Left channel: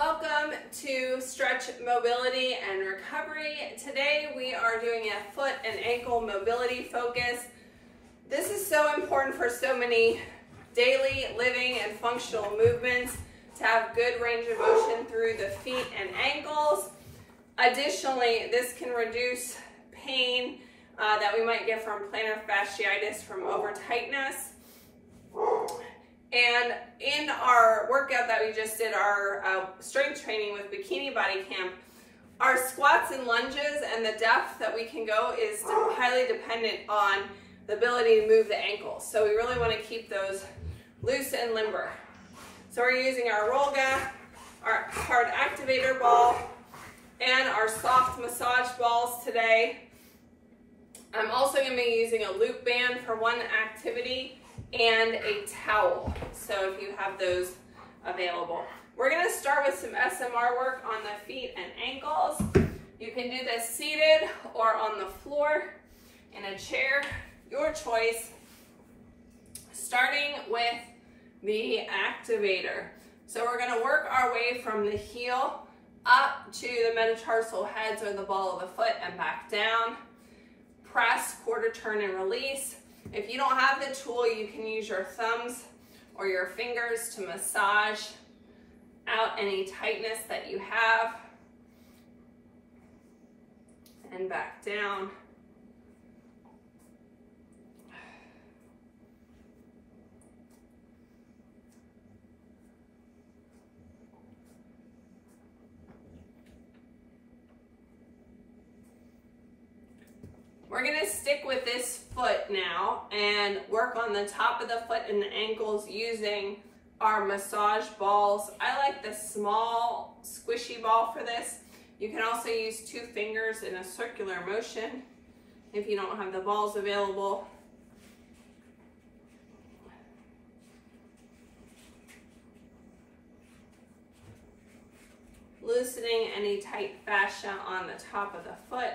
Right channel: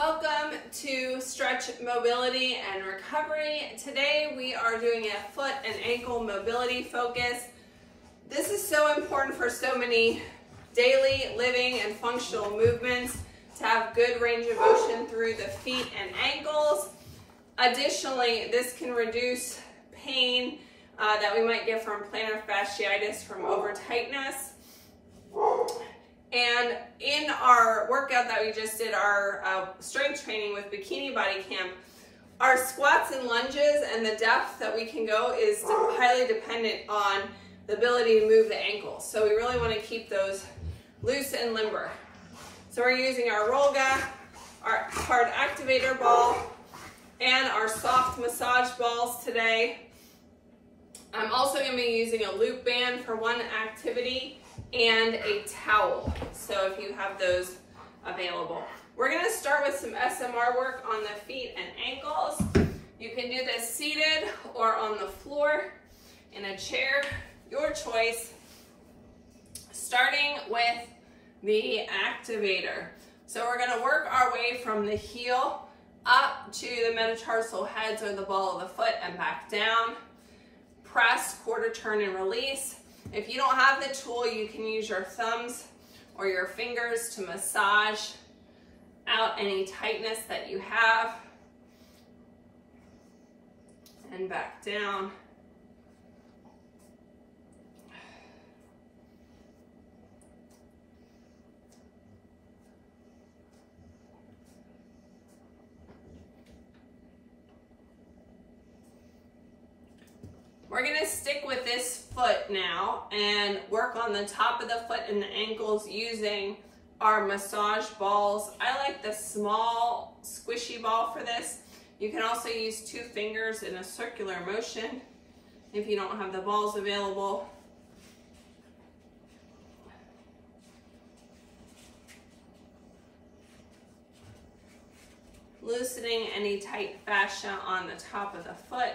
Welcome to Stretch Mobility and Recovery. Today we are doing a foot and ankle mobility focus. This is so important for so many daily living and functional movements to have good range of motion through the feet and ankles. Additionally, this can reduce pain that we might get from plantar fasciitis from over tightness. And in our workout that we just did, our strength training with Bikini Body Camp, our squats and lunges and the depth that we can go is highly dependent on the ability to move the ankles. So we really want to keep those loose and limber. So we're using our Rollga, our hard activator ball, and our soft massage balls today. I'm also going to be using a loop band for one activity and a towel, so if you have those available. We're going to start with some SMR work on the feet and ankles. You can do this seated or on the floor in a chair, your choice. Starting with the activator. So we're going to work our way from the heel up to the metatarsal heads or the ball of the foot and back down. Press, quarter turn, and release. If you don't have the tool, you can use your thumbs or your fingers to massage out any tightness that you have. And back down. We're going to stick with this foot now and work on the top of the foot and the ankles using our massage balls. I like the small squishy ball for this. You can also use 2 fingers in a circular motion if you don't have the balls available. Loosening any tight fascia on the top of the foot.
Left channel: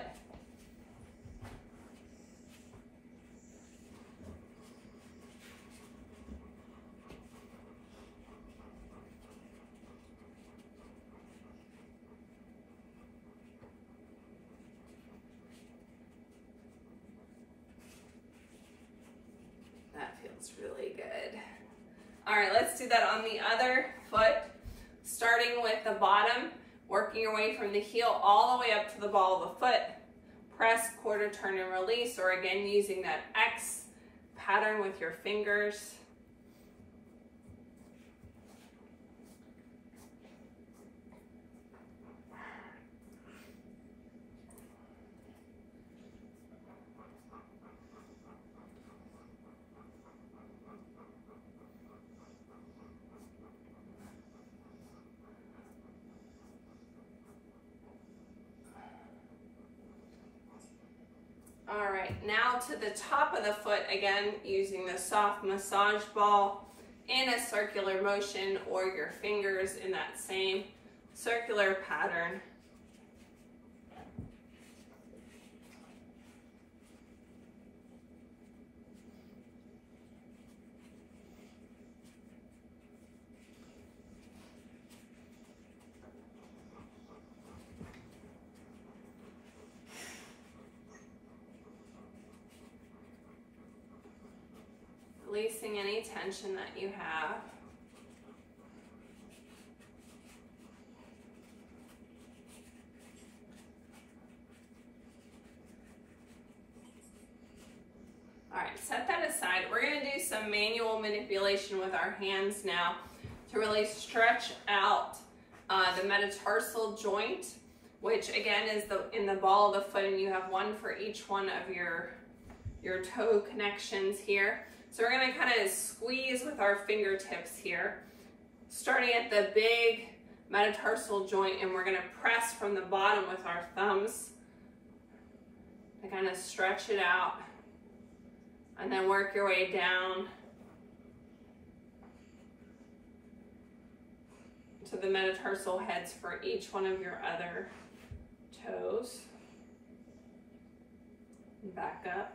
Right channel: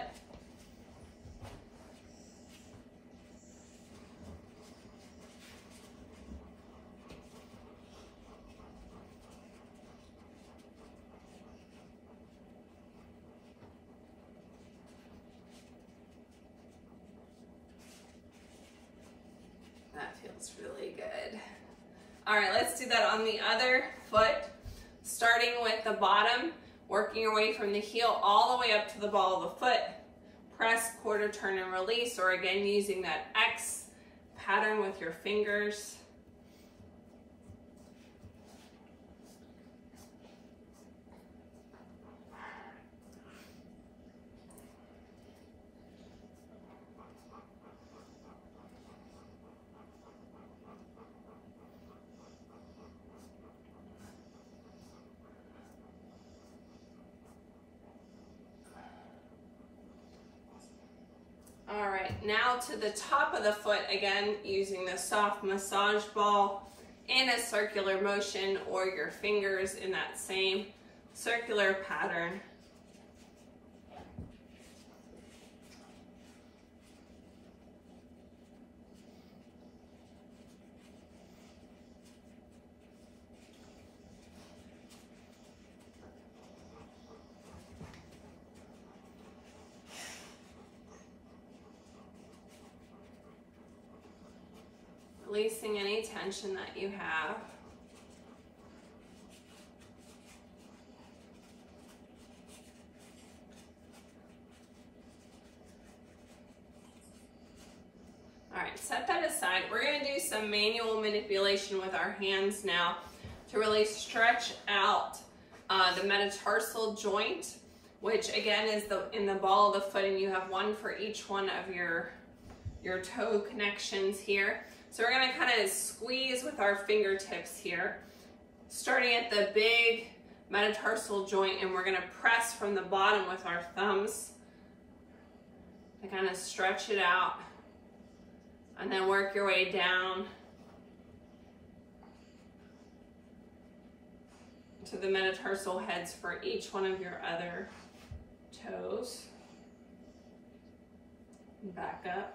That feels really good. All right, let's do that on the other foot, starting with the bottom, working your way from the heel all the way up to the ball of the foot. Press, quarter turn, and release, or again, using that X pattern with your fingers. All right, now to the top of the foot, again, using the soft massage ball in a circular motion or your fingers in that same circular pattern. Releasing any tension that you have. All right, set that aside. We're going to do some manual manipulation with our hands now to really stretch out the metatarsal joint, which again is in the ball of the foot, and you have one for each one of your toe connections here. So we're going to kind of squeeze with our fingertips here, starting at the big metatarsal joint, and we're going to press from the bottom with our thumbs to kind of stretch it out, and then work your way down to the metatarsal heads for each one of your other toes. And back up.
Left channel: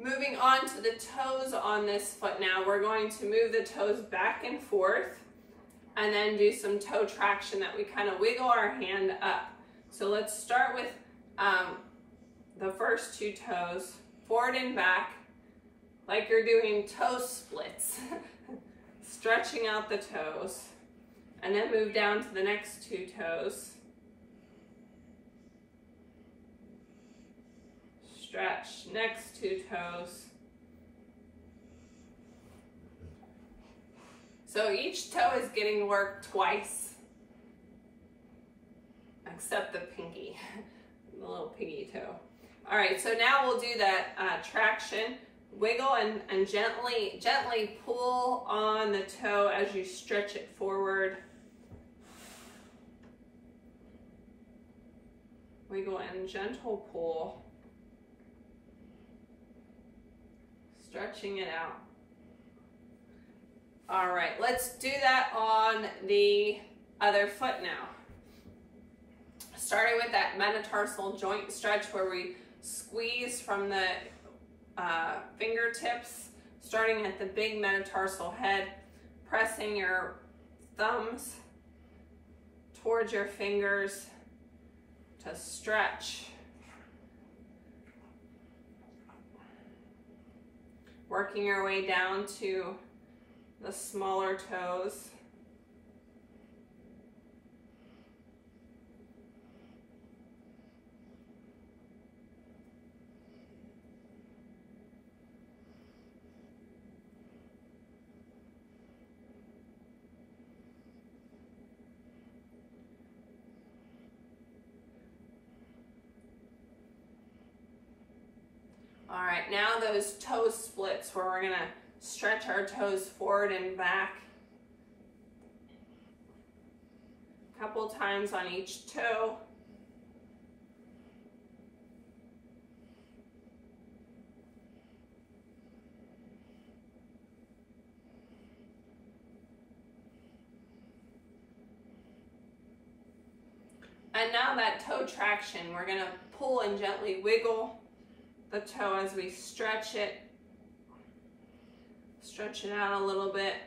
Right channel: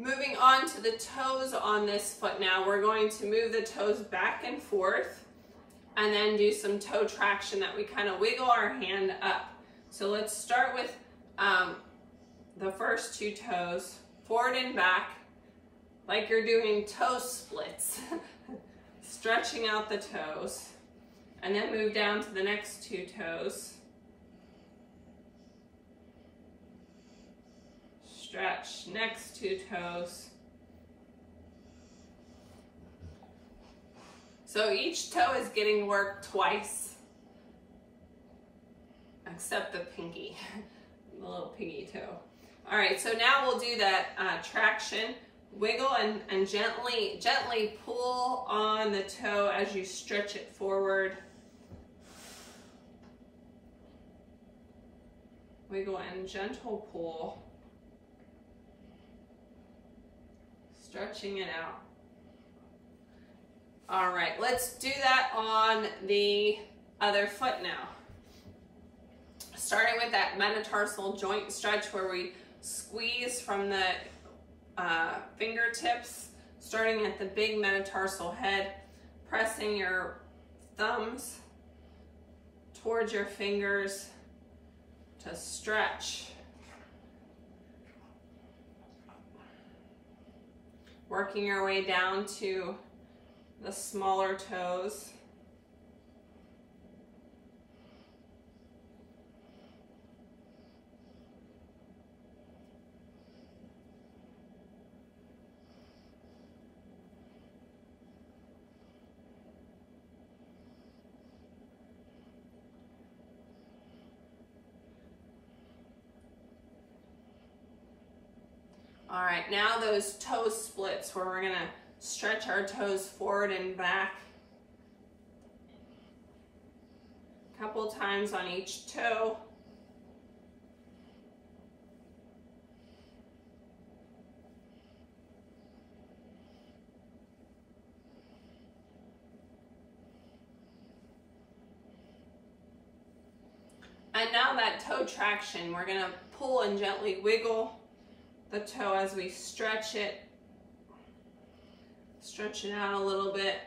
Moving on to the toes on this foot now, we're going to move the toes back and forth and then do some toe traction that we kind of wiggle our hand up. So let's start with the first two toes, forward and back, like you're doing toe splits, stretching out the toes, and then move down to the next two toes. Stretch, next two toes. So each toe is getting worked twice, except the pinky, the little piggy toe. All right, so now we'll do that traction. Wiggle and gently pull on the toe as you stretch it forward. Wiggle and gentle pull. Stretching it out. All right, let's do that on the other foot now. Starting with that metatarsal joint stretch where we squeeze from the fingertips, starting at the big metatarsal head, pressing your thumbs towards your fingers to stretch. Working your way down to the smaller toes. All right, now those toe splits where we're gonna stretch our toes forward and back. A couple times on each toe. And now that toe traction, we're gonna pull and gently wiggle the toe as we stretch it. Stretch it out a little bit.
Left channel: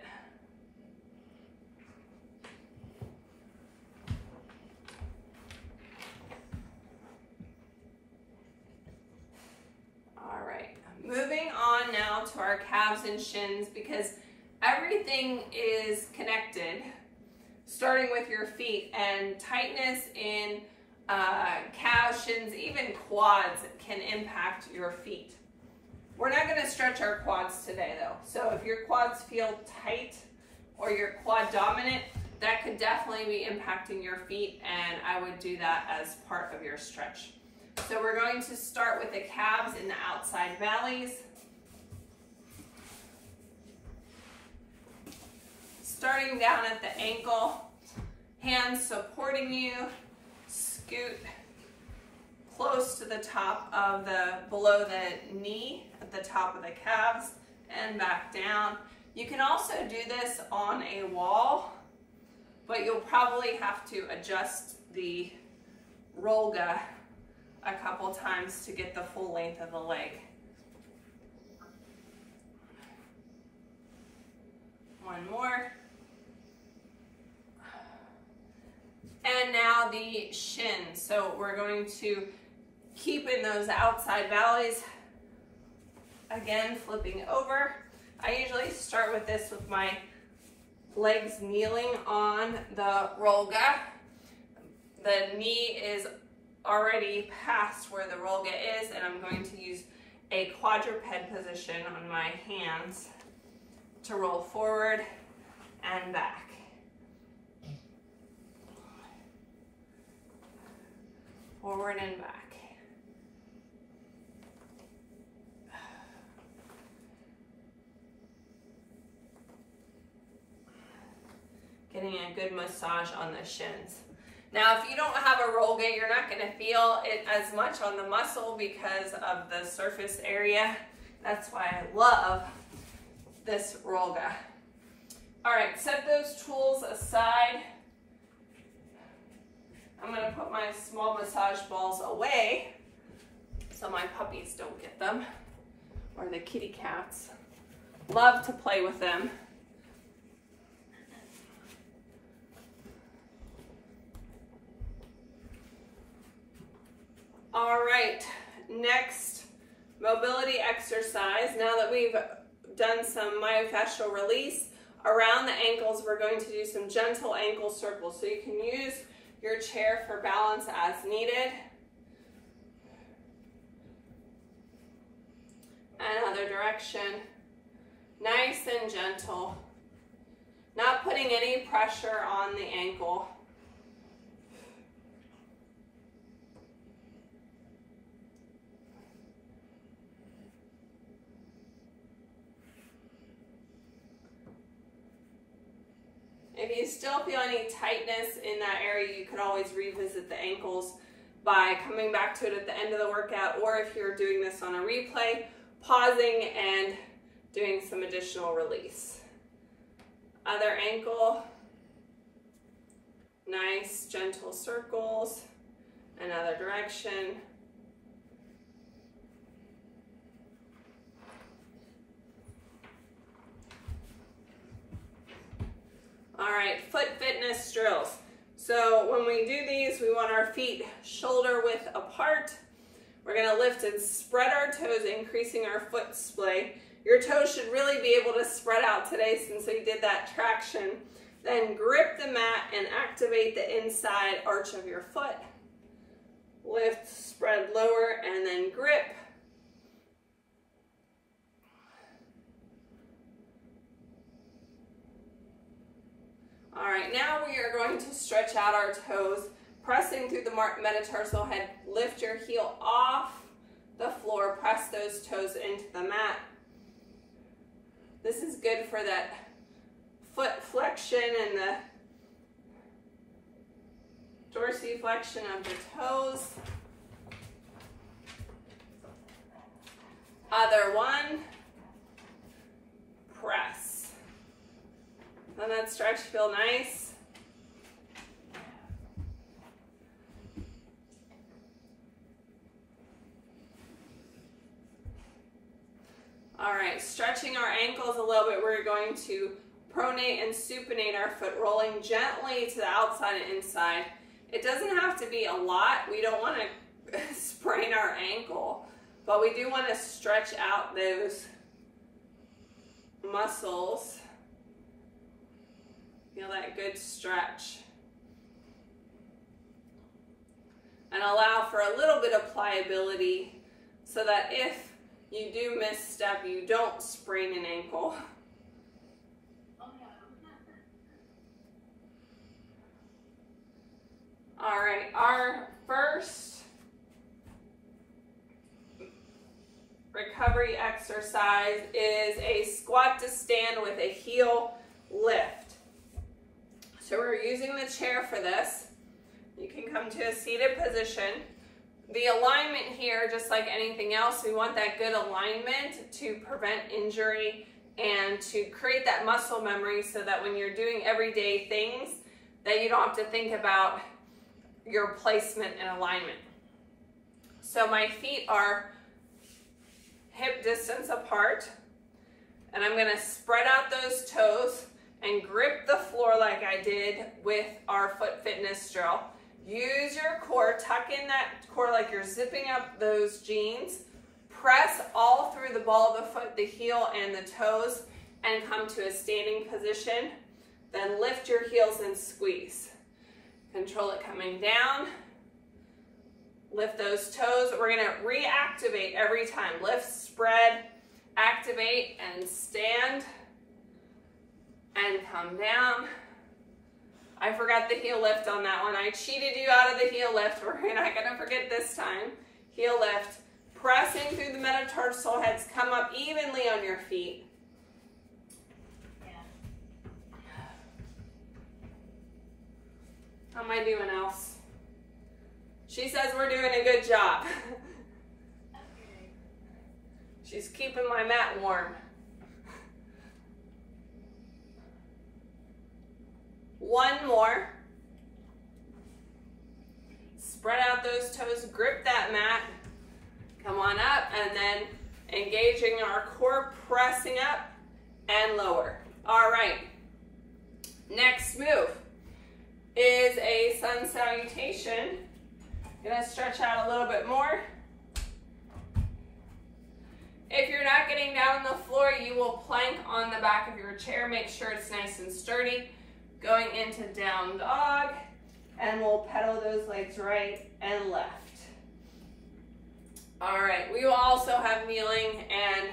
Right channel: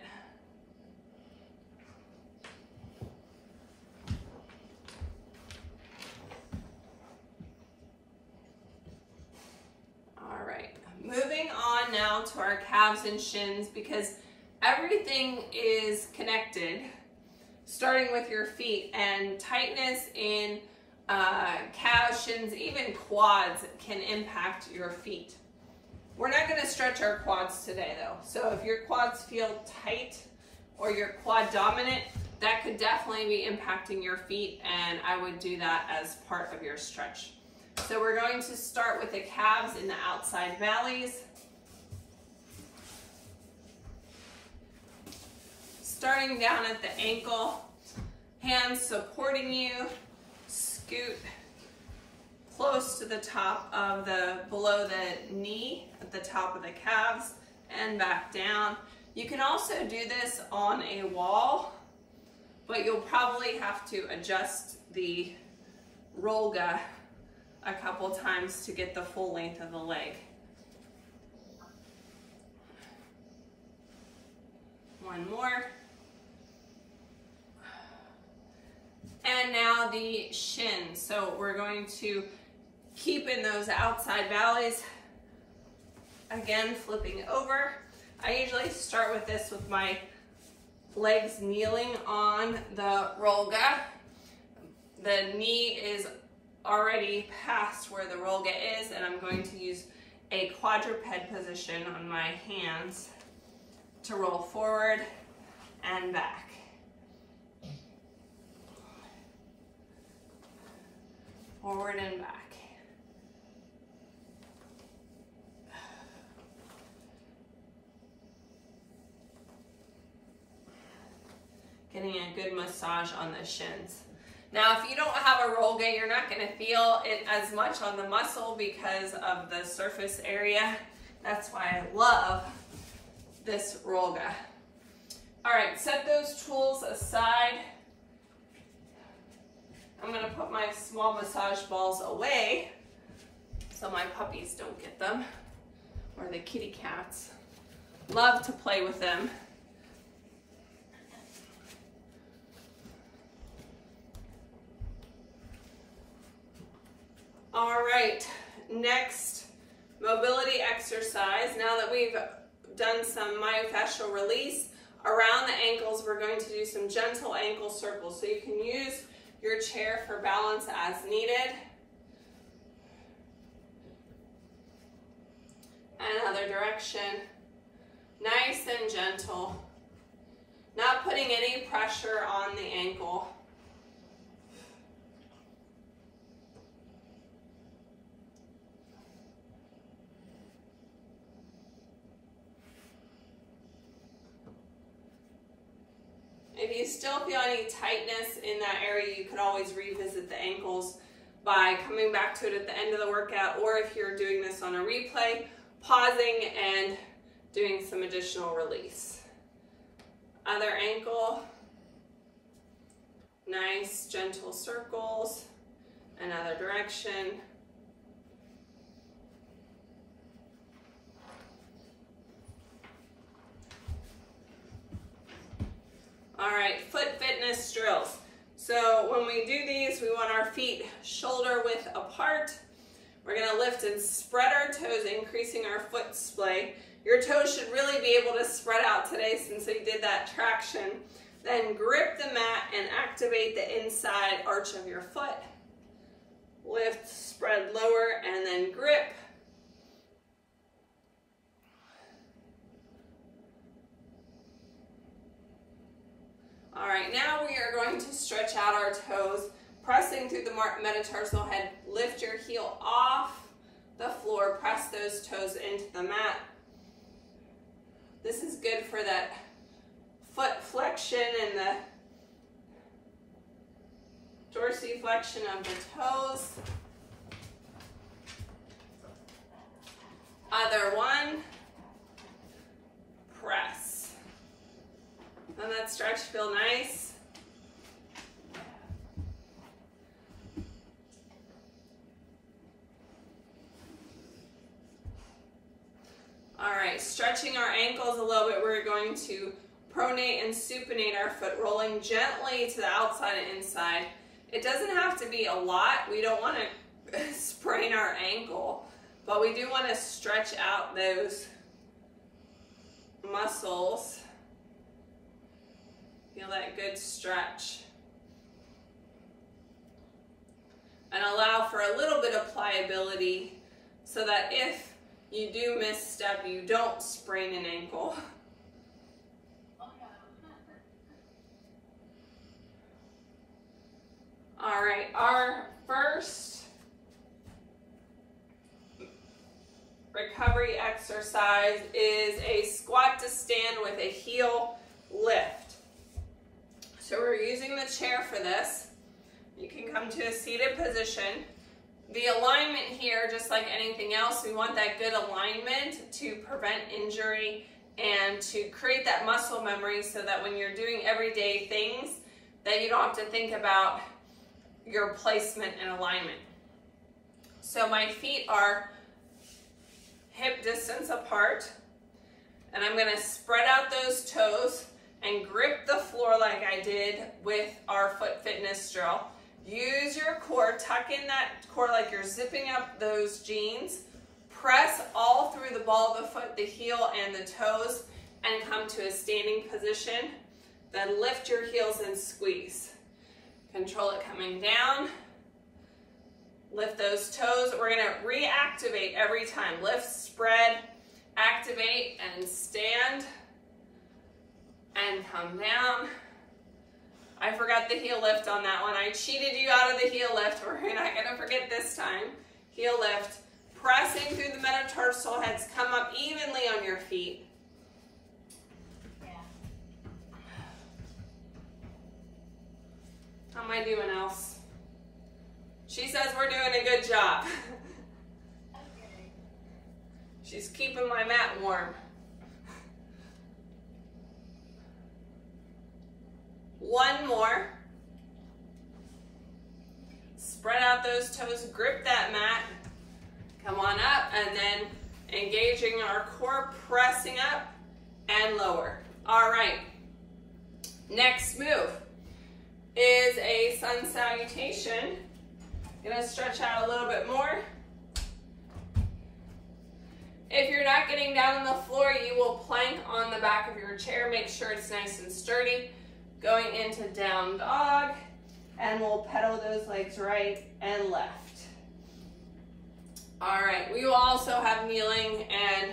All right, moving on now to our calves and shins, because everything is connected, starting with your feet, and tightness in calves, shins, even quads can impact your feet. We're not going to stretch our quads today though. So if your quads feel tight or you're quad dominant, that could definitely be impacting your feet, and I would do that as part of your stretch. So we're going to start with the calves in the outside valleys. Starting down at the ankle, hands supporting you. Scoot close to the top of below the knee, at the top of the calves, and back down. You can also do this on a wall, but you'll probably have to adjust the rolga a couple times to get the full length of the leg. One more. And now the shins. So we're going to keep in those outside valleys. Again, flipping over. I usually start with this with my legs kneeling on the rolga. The knee is already past where the rolga is, and I'm going to use a quadruped position on my hands to roll forward and back. Forward and back. Getting a good massage on the shins. Now, if you don't have a rolga, you're not going to feel it as much on the muscle because of the surface area. That's why I love this rolga. All right, set those tools aside. I'm going to put my small massage balls away so my puppies don't get them. or the kitty cats. Love to play with them. All right, next mobility exercise. Now that we've done some myofascial release around the ankles, we're going to do some gentle ankle circles. So you can use your chair for balance as needed. Another direction. Nice and gentle. Not putting any pressure on the ankle. If you still feel any tightness in that area, you could always revisit the ankles by coming back to it at the end of the workout, or if you're doing this on a replay, pausing and doing some additional release. Other ankle, nice gentle circles. Another direction. All right, foot fitness drills. So when we do these, we want our feet shoulder width apart. We're gonna lift and spread our toes, increasing our foot splay. Your toes should really be able to spread out today since we did that traction. Then grip the mat and activate the inside arch of your foot. Lift, spread lower, and then grip. All right, now we are going to stretch out our toes, pressing through the metatarsal head. Lift your heel off the floor, press those toes into the mat. This is good for that foot flexion and the dorsiflexion of the toes. Other one, press. Doesn't that stretch feel nice? All right, stretching our ankles a little bit, we're going to pronate and supinate our foot, rolling gently to the outside and inside. It doesn't have to be a lot. We don't want to sprain our ankle, but we do want to stretch out those muscles. Feel that good stretch. And allow for a little bit of pliability so that if you do misstep, you don't sprain an ankle. All right, our first recovery exercise is a squat to stand with a heel lift. So we're using the chair for this. You can come to a seated position. The alignment here, just like anything else, we want that good alignment to prevent injury and to create that muscle memory so that when you're doing everyday things, that you don't have to think about your placement and alignment. So my feet are hip distance apart, and I'm gonna spread out those toes and grip the floor like I did with our foot fitness drill. Use your core, tuck in that core like you're zipping up those jeans. Press all through the ball of the foot, the heel and the toes, and come to a standing position. Then lift your heels and squeeze. Control it coming down. Lift those toes. We're gonna reactivate every time. Lift, spread, activate, and stand. And come down. I forgot the heel lift on that one. I cheated you out of the heel lift. We're not gonna forget this time. Heel lift. Pressing through the metatarsal heads. Come up evenly on your feet. How am I doing, else? She says we're doing a good job. She's keeping my mat warm. One more. Spread out those toes, grip that mat. Come on up, and then Engaging our core, pressing up and lower. All right. Next move is a sun salutation. Gonna stretch out a little bit more. If you're not getting down on the floor, you will plank on the back of your chair. Make sure it's nice and sturdy. Going into down dog, and we'll pedal those legs right and left. All right, we will also have kneeling and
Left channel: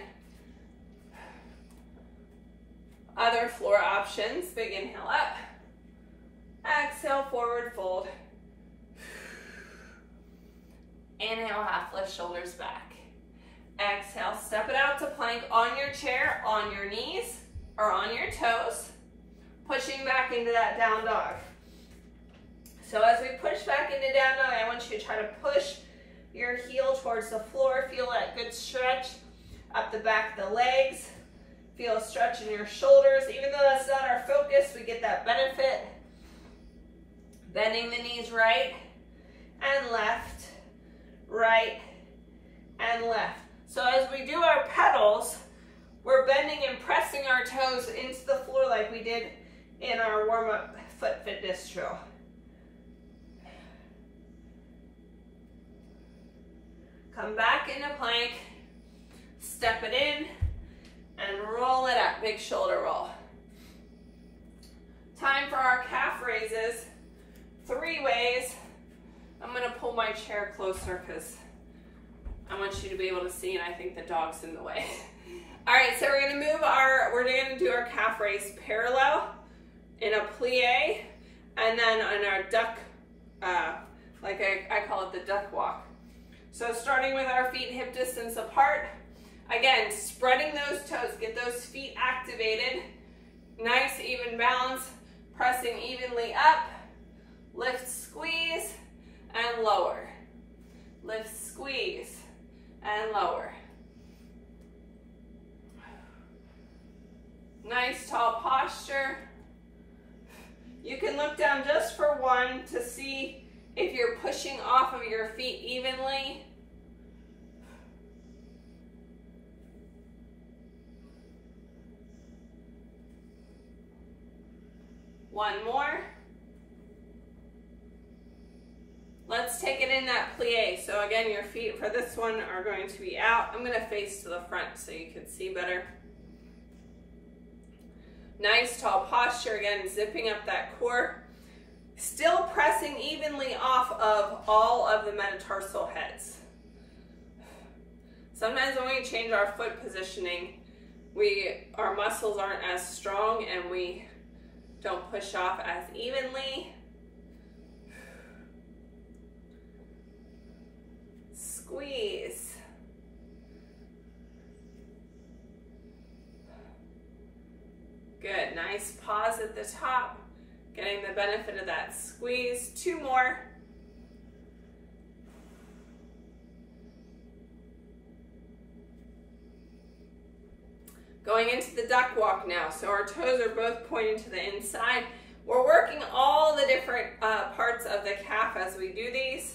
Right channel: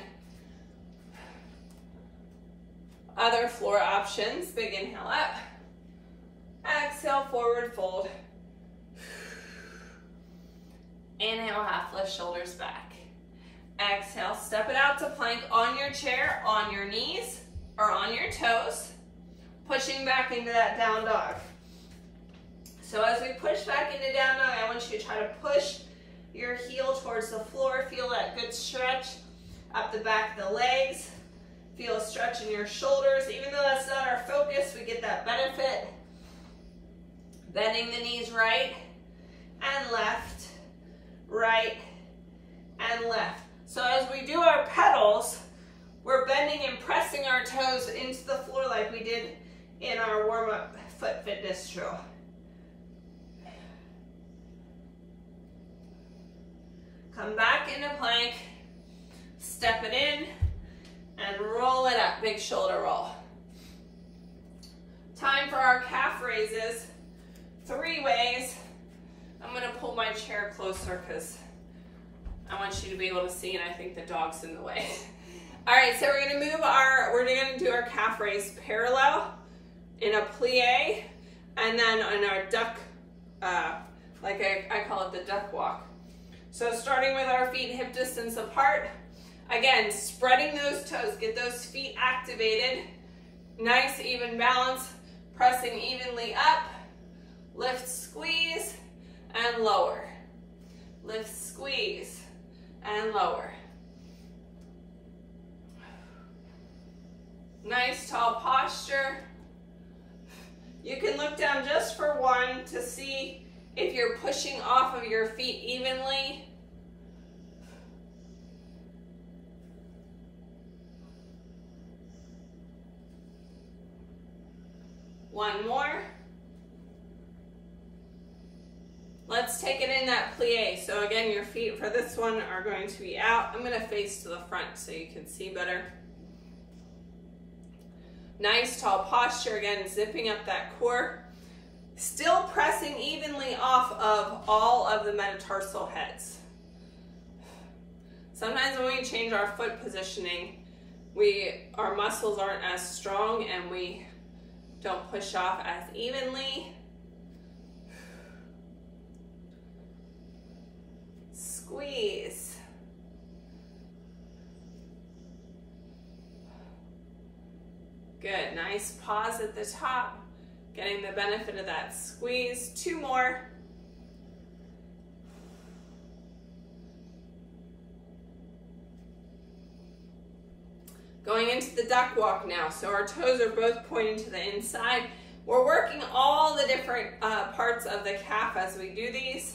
other floor options. Big inhale up. Exhale, forward fold. Inhale, half lift, shoulders back. Exhale, step it out to plank on your chair, on your knees, or on your toes, pushing back into that down dog. So as we push back into down dog, I want you to try to push your heel towards the floor. Feel that good stretch up the back of the legs. Feel a stretch in your shoulders. Even though that's not our focus, we get that benefit. Bending the knees right and left, right and left. So as we do our pedals, we're bending and pressing our toes into the floor like we did in our warm-up foot fitness drill. Come back into plank, step it in, and roll it up, big shoulder roll. Time for our calf raises, 3 ways. I'm gonna pull my chair closer because I want you to be able to see, and I think the dog's in the way. All right, so we're gonna do our calf raise parallel in a plie, and then on our duck, like I call it the duck walk. So starting with our feet hip distance apart, again, spreading those toes, get those feet activated, nice even balance, pressing evenly up, lift, squeeze, and lower. Lift, squeeze, and lower. Nice tall posture. You can look down just for one to see if you're pushing off of your feet evenly. One more. Let's take it in that plie. So again, your feet for this one are going to be out. I'm going to face to the front so you can see better. Nice tall posture, again, zipping up that core. Still pressing evenly off of all of the metatarsal heads. Sometimes when we change our foot positioning, our muscles aren't as strong and we don't push off as evenly. Squeeze. Good, nice pause at the top, getting the benefit of that squeeze. 2 more. Going into the duck walk now. So our toes are both pointing to the inside. We're working all the different parts of the calf as we do these.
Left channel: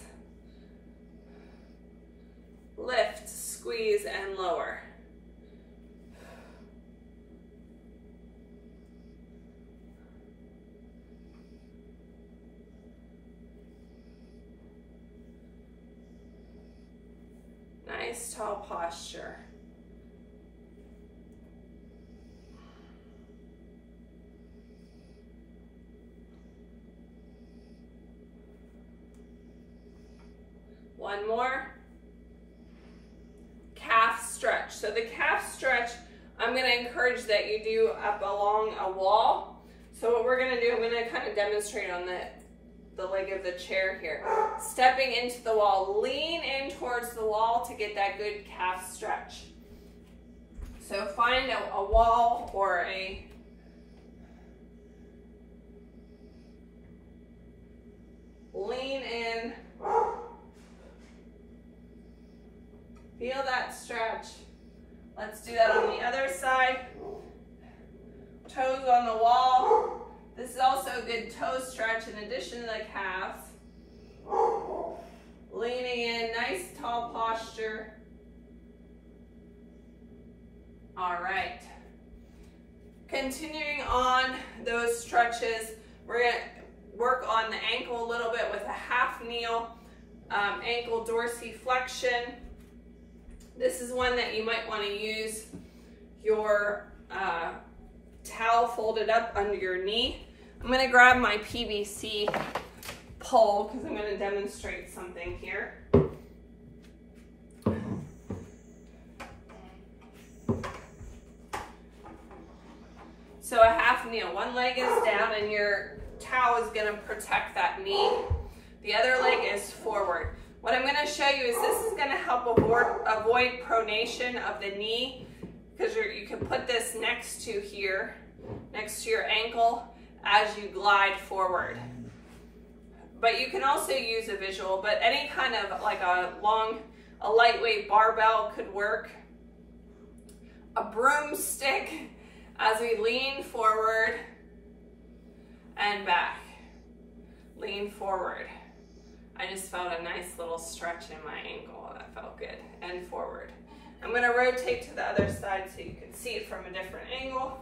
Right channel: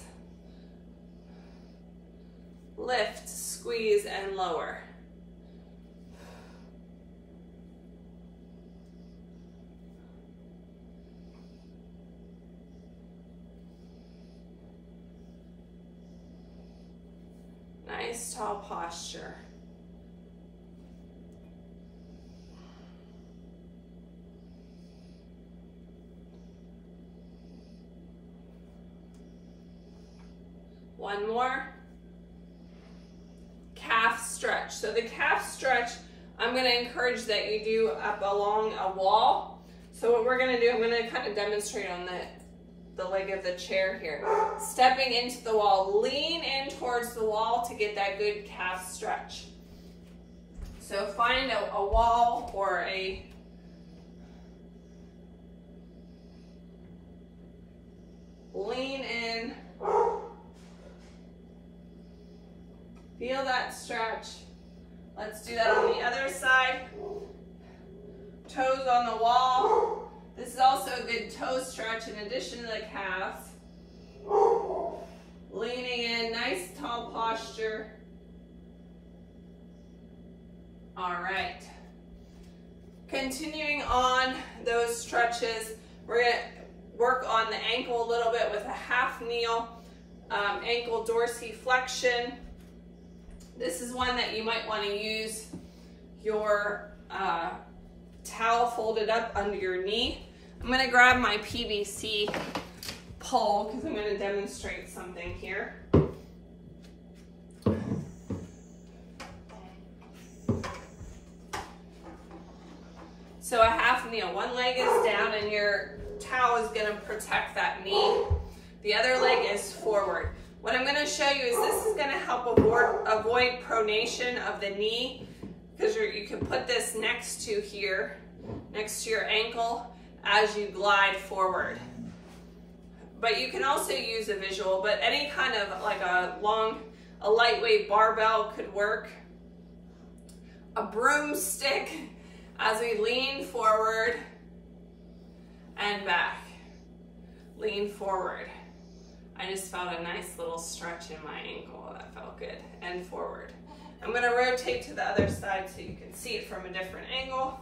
Lift, squeeze, and lower. Nice tall posture. One more. Calf stretch. So the calf stretch, I'm going to encourage that you do up along a wall. So what we're going to do, I'm going to kind of demonstrate on the leg of the chair here. Stepping into the wall, lean in towards the wall to get that good calf stretch. So find a wall or a lean in. Feel that stretch. Let's do that on the other side. Toes on the wall. This is also a good toe stretch in addition to the calves. Leaning in, nice tall posture. All right. Continuing on those stretches, we're going to work on the ankle a little bit with a half kneel, ankle dorsiflexion. This is one that you might want to use your towel folded up under your knee. I'm going to grab my PVC pole because I'm going to demonstrate something here. So a half kneel, one leg is down and your towel is going to protect that knee. The other leg is forward. What I'm going to show you is this is going to help avoid pronation of the knee, because you can put this next to here, next to your ankle as you glide forward. But you can also use a visual, but any kind of like a lightweight barbell could work. A broomstick as we lean forward and back. Lean forward. I just felt a nice little stretch in my ankle. That felt good. And forward. I'm going to rotate to the other side so you can see it from a different angle.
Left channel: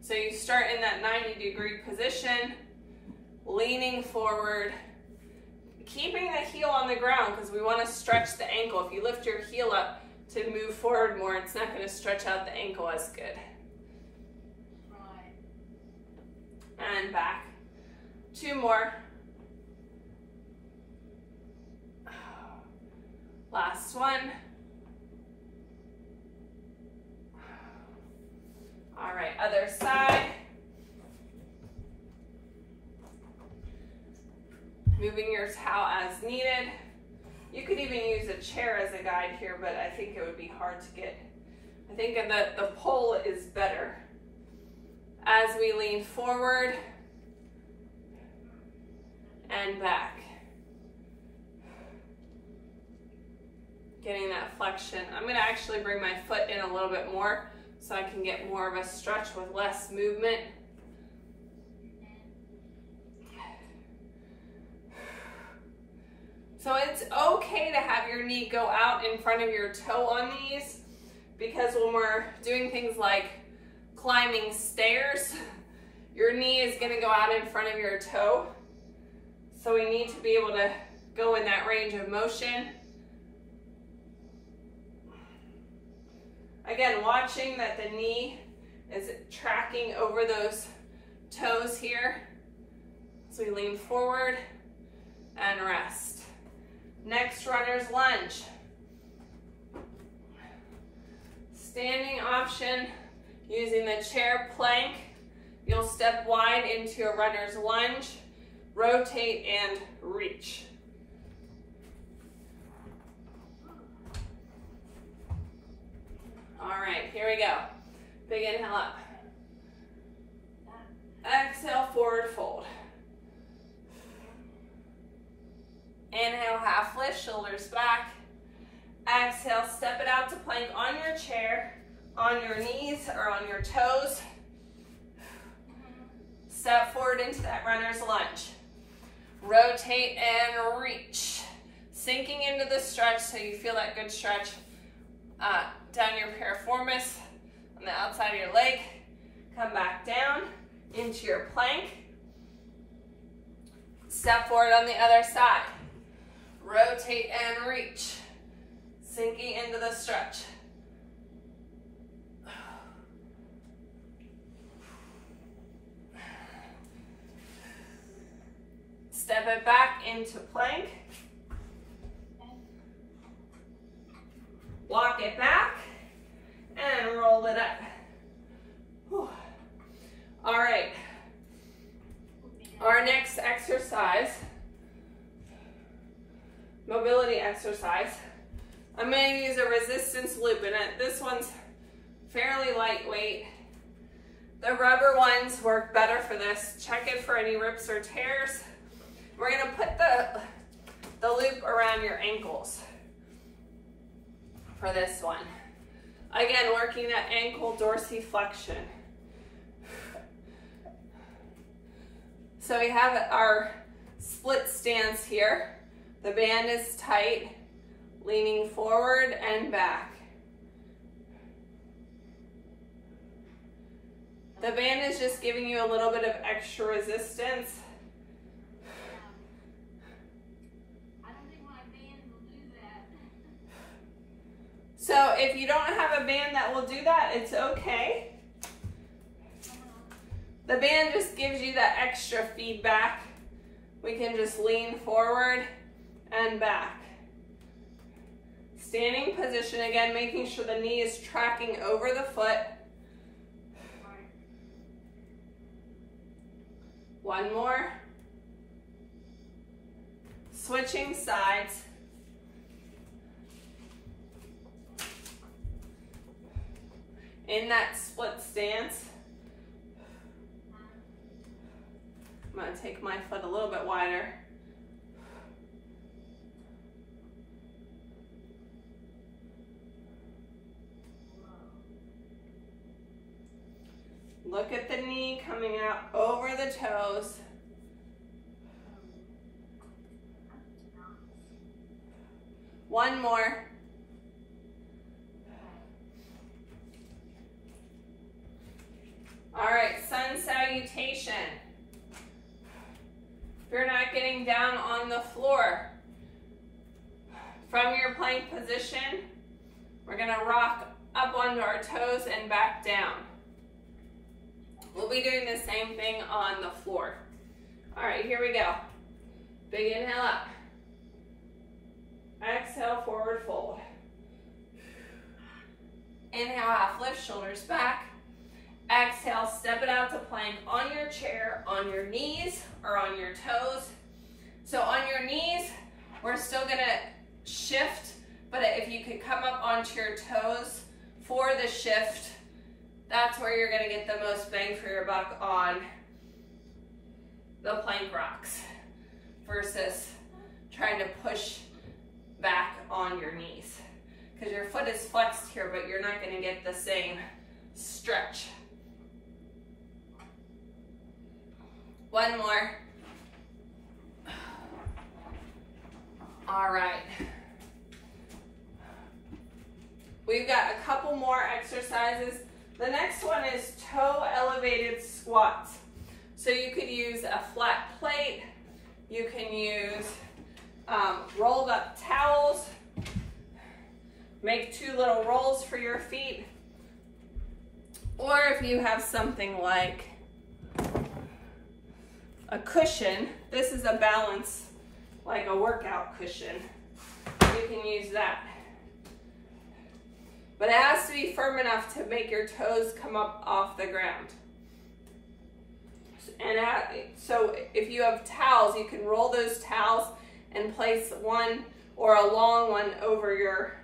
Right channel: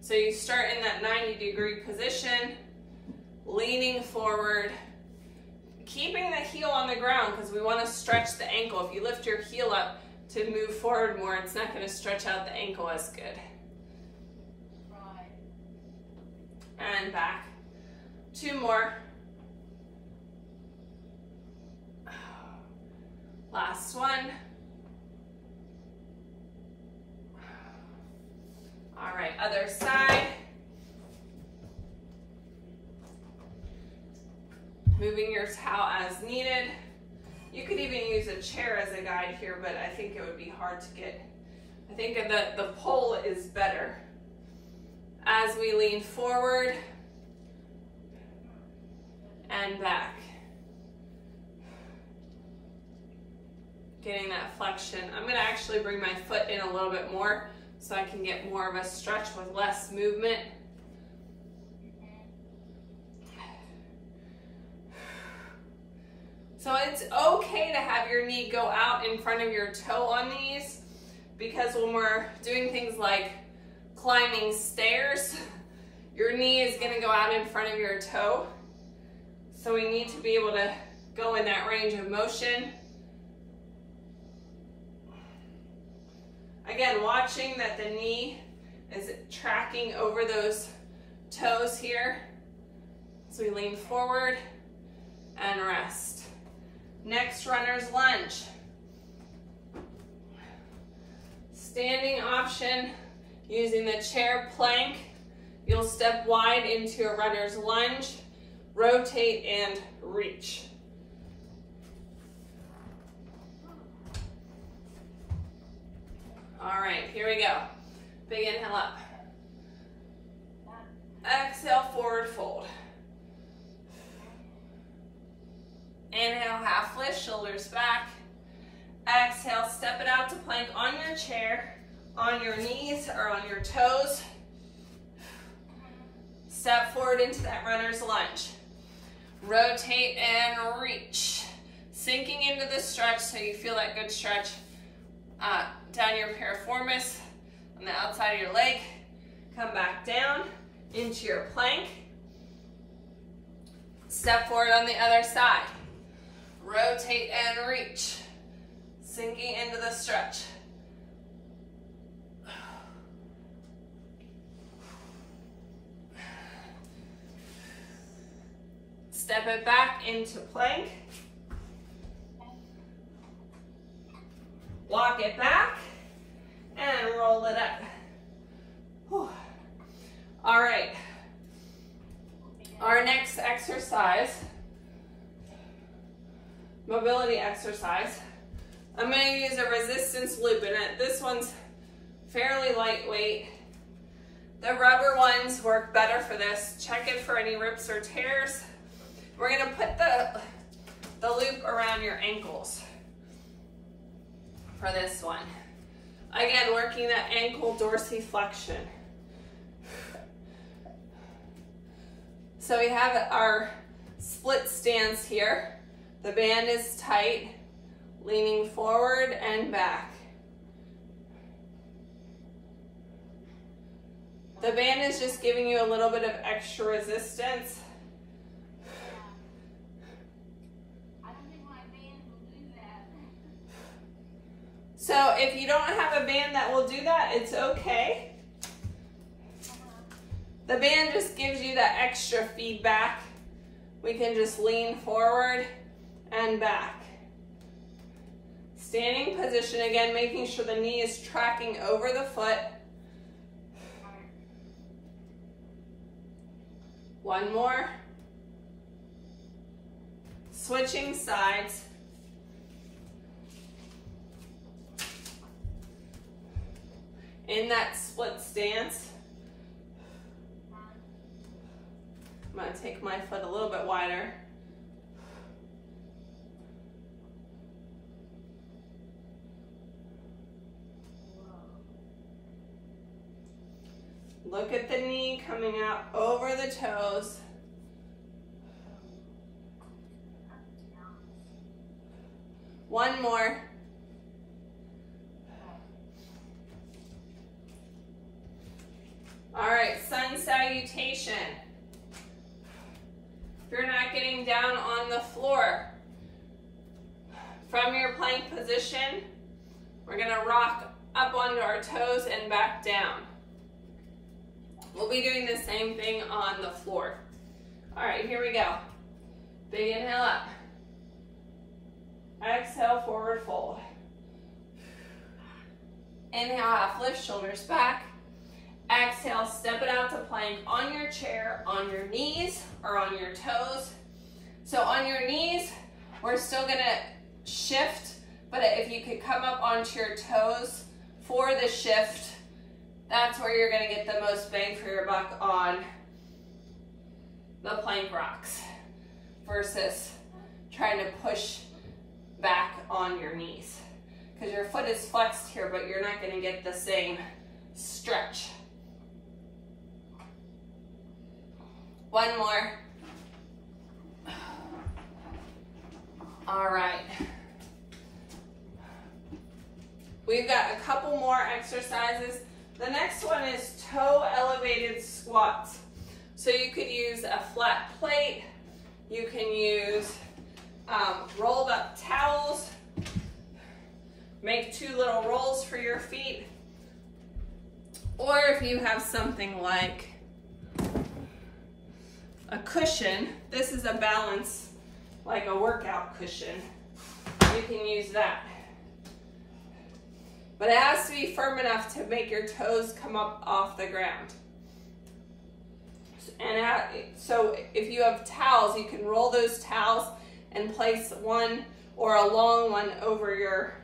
So you start in that 90-degree position, leaning forward, keeping the heel on the ground because we want to stretch the ankle. If you lift your heel up to move forward more, it's not going to stretch out the ankle as good. And back. 2 more. Last one. All right, other side. Moving your towel as needed. You could even use a chair as a guide here, but I think it would be hard to get. I think that the pole is better. As we lean forward and back. Getting that flexion. I'm going to actually bring my foot in a little bit more so I can get more of a stretch with less movement. So it's okay to have your knee go out in front of your toe on these, because when we're doing things like climbing stairs, your knee is going to go out in front of your toe. So we need to be able to go in that range of motion. Again, watching that the knee is tracking over those toes here. So we lean forward and rest. Next, runner's lunge. Standing option, using the chair plank. You'll step wide into a runner's lunge, rotate and reach. All right, here we go. Big inhale up. Exhale, forward fold. Inhale, half lift, shoulders back. Exhale, step it out to plank on your chair, on your knees or on your toes. Step forward into that runner's lunge. Rotate and reach. Sinking into the stretch so you feel that good stretch down your piriformis on the outside of your leg. Come back down into your plank. Step forward on the other side. Rotate and reach. Sinking into the stretch. Step it back into plank. Walk it back and roll it up. Whew. All right. Our next exercise, mobility exercise. I'm going to use a resistance loop, and this one's fairly lightweight. The rubber ones work better for this. Check it for any rips or tears. We're going to put the loop around your ankles for this one. Again, working that ankle dorsiflexion. So we have our split stance here. The band is tight, leaning forward and back. The band is just giving you a little bit of extra resistance. So if you don't have a band that will do that, it's okay. The band just gives you that extra feedback. We can just lean forward and back. Standing position again, making sure the knee is tracking over the foot. One more. Switching sides. In that split stance. I'm going to take my foot a little bit wider. Look at the knee coming out over the toes. One more. All right, sun salutation. If you're not getting down on the floor, from your plank position, we're gonna rock up onto our toes and back down. We'll be doing the same thing on the floor. All right, here we go. Big inhale up. Exhale, forward fold. Inhale, half lift, shoulders back. Exhale, step it out to plank on your chair, on your knees, or on your toes. So on your knees, we're still gonna shift, but if you could come up onto your toes for the shift, that's where you're gonna get the most bang for your buck on the plank rocks versus trying to push back on your knees. Because your foot is flexed here, but you're not gonna get the same stretch. One more. All right. We've got a couple more exercises. The next one is toe elevated squats. So you could use a flat plate. You can use rolled up towels. Make 2 little rolls for your feet. Or if you have something like a cushion, this is a balance, like a workout cushion. You can use that. But it has to be firm enough to make your toes come up off the ground. And so if you have towels, you can roll those towels and place one or a long one over your,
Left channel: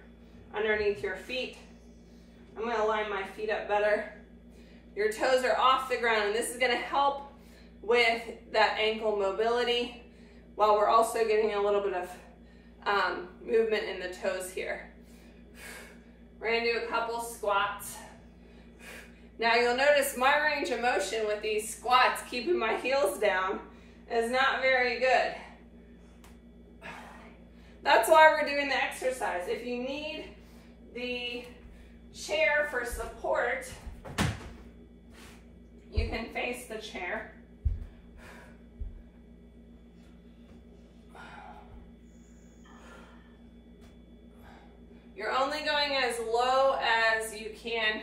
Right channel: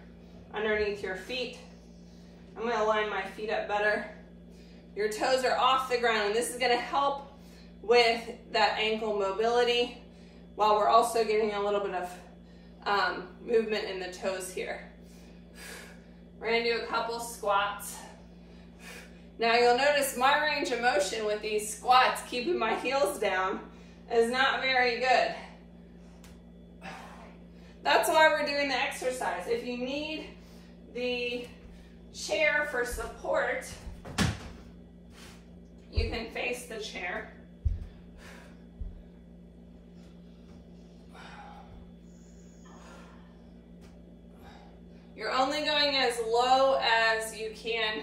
underneath your feet. I'm gonna line my feet up better. Your toes are off the ground, and this is gonna help with that ankle mobility while we're also getting a little bit of movement in the toes here. We're gonna do a couple squats. Now you'll notice my range of motion with these squats, keeping my heels down, is not very good. That's why we're doing the exercise. If you need the chair for support, you can face the chair. You're only going as low as you can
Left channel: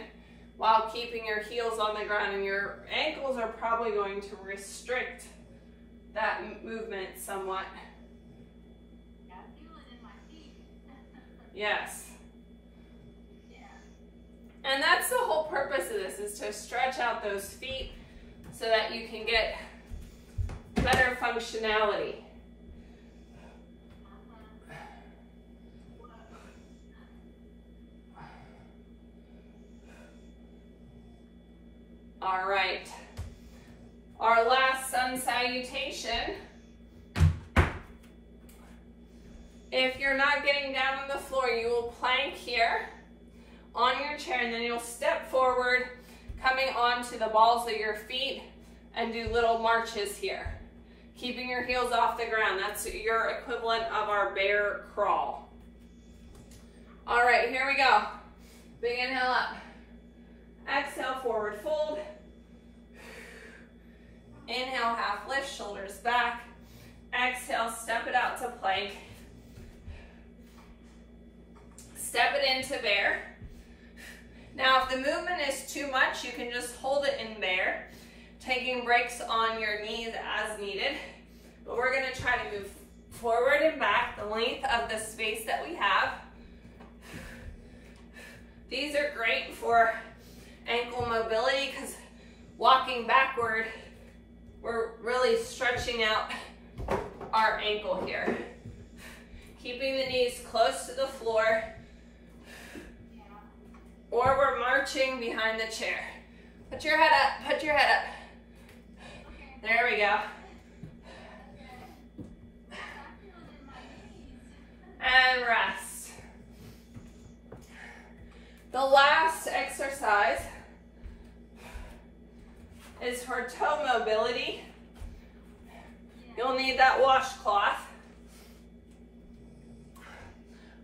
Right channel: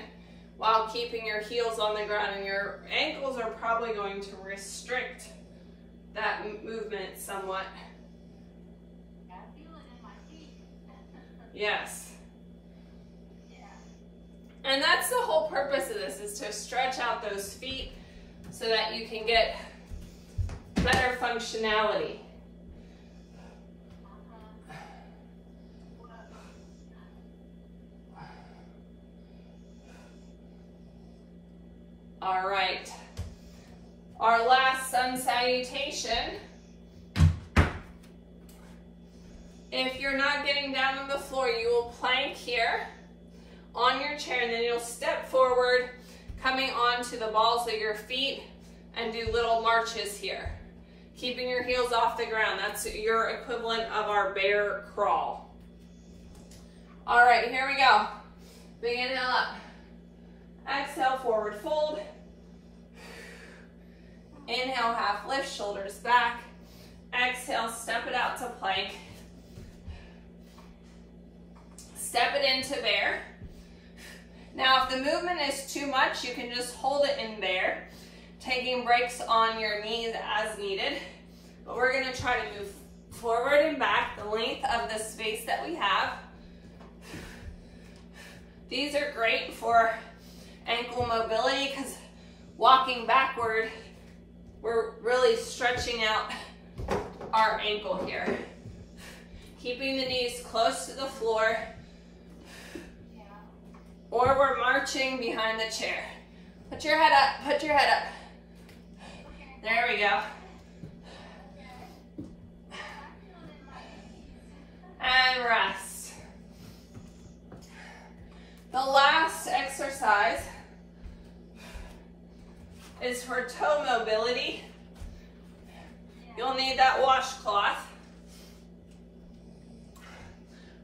while keeping your heels on the ground, and your ankles are probably going to restrict that movement somewhat. Yes. And that's the whole purpose of this, is to stretch out those feet so that you can get better functionality. All right, our last sun salutation. If you're not getting down on the floor, you will plank here on your chair, and then you'll step forward, coming onto the balls of your feet, and do little marches here, keeping your heels off the ground. That's your equivalent of our bear crawl. All right, here we go. Big inhale up. Exhale, forward fold. Inhale, half lift, shoulders back. Exhale, step it out to plank. Step it into bear. Now, if the movement is too much, you can just hold it in bear, taking breaks on your knees as needed. But we're gonna try to move forward and back the length of the space that we have. These are great for ankle mobility because walking backward, we're really stretching out our ankle here. Keeping the knees close to the floor, or we're marching behind the chair. Put your head up, put your head up. There we go. And rest. The last exercise is for toe mobility. You'll need that washcloth.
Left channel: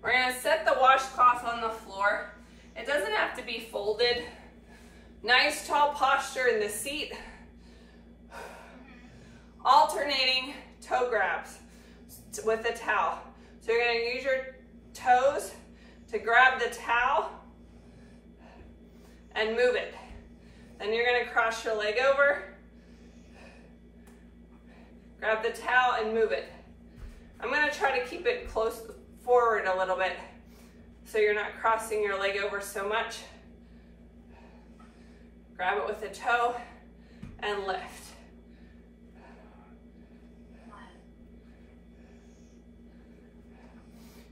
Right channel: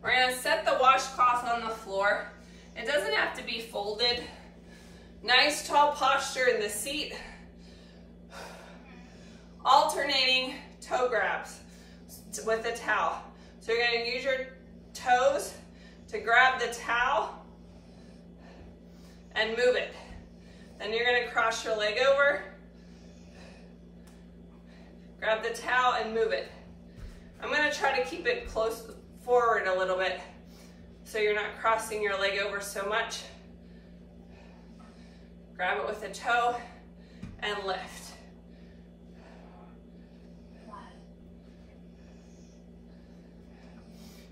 We're going to set the washcloth on the floor. It doesn't have to be folded. Nice tall posture in the seat. Alternating toe grabs with the towel. So you're going to use your toes to grab the towel and move it. Then you're going to cross your leg over, grab the towel and move it. I'm going to try to keep it close forward a little bit so you're not crossing your leg over so much. Grab it with the toe and lift.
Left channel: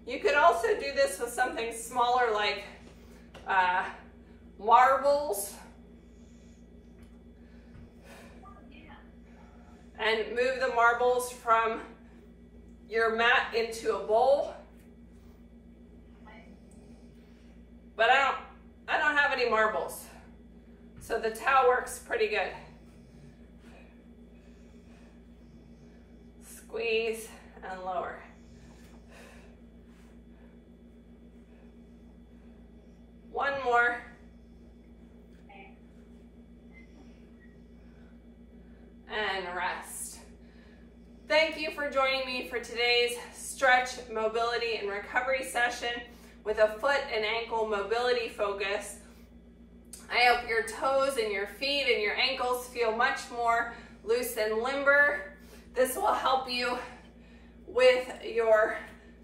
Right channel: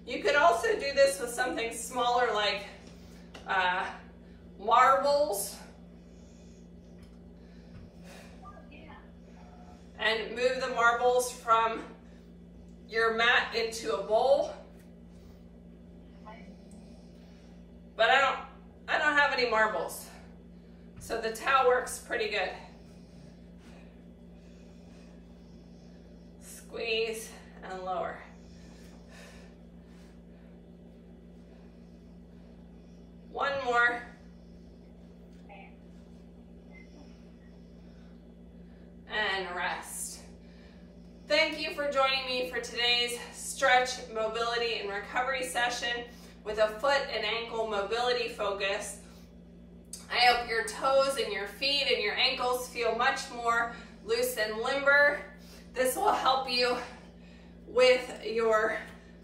You could also do this with something smaller like marbles. And move the marbles from your mat into a bowl. But I don't have any marbles, so the towel works pretty good. Squeeze and lower. One more. And rest. Thank you for joining me for today's stretch, mobility, and recovery session with a foot and ankle mobility focus. I hope your toes and your feet and your ankles feel much more loose and limber. This will help you with your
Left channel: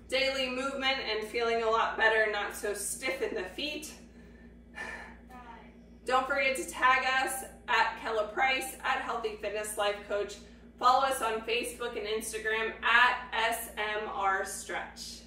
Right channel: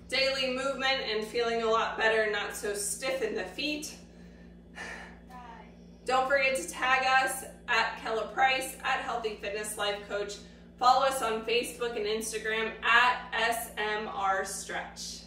daily movement and feeling a lot better, not so stiff in the feet. Don't forget to tag us at Kella Price, at Healthy Fitness Life Coach. Follow us on Facebook and Instagram at SMR Stretch.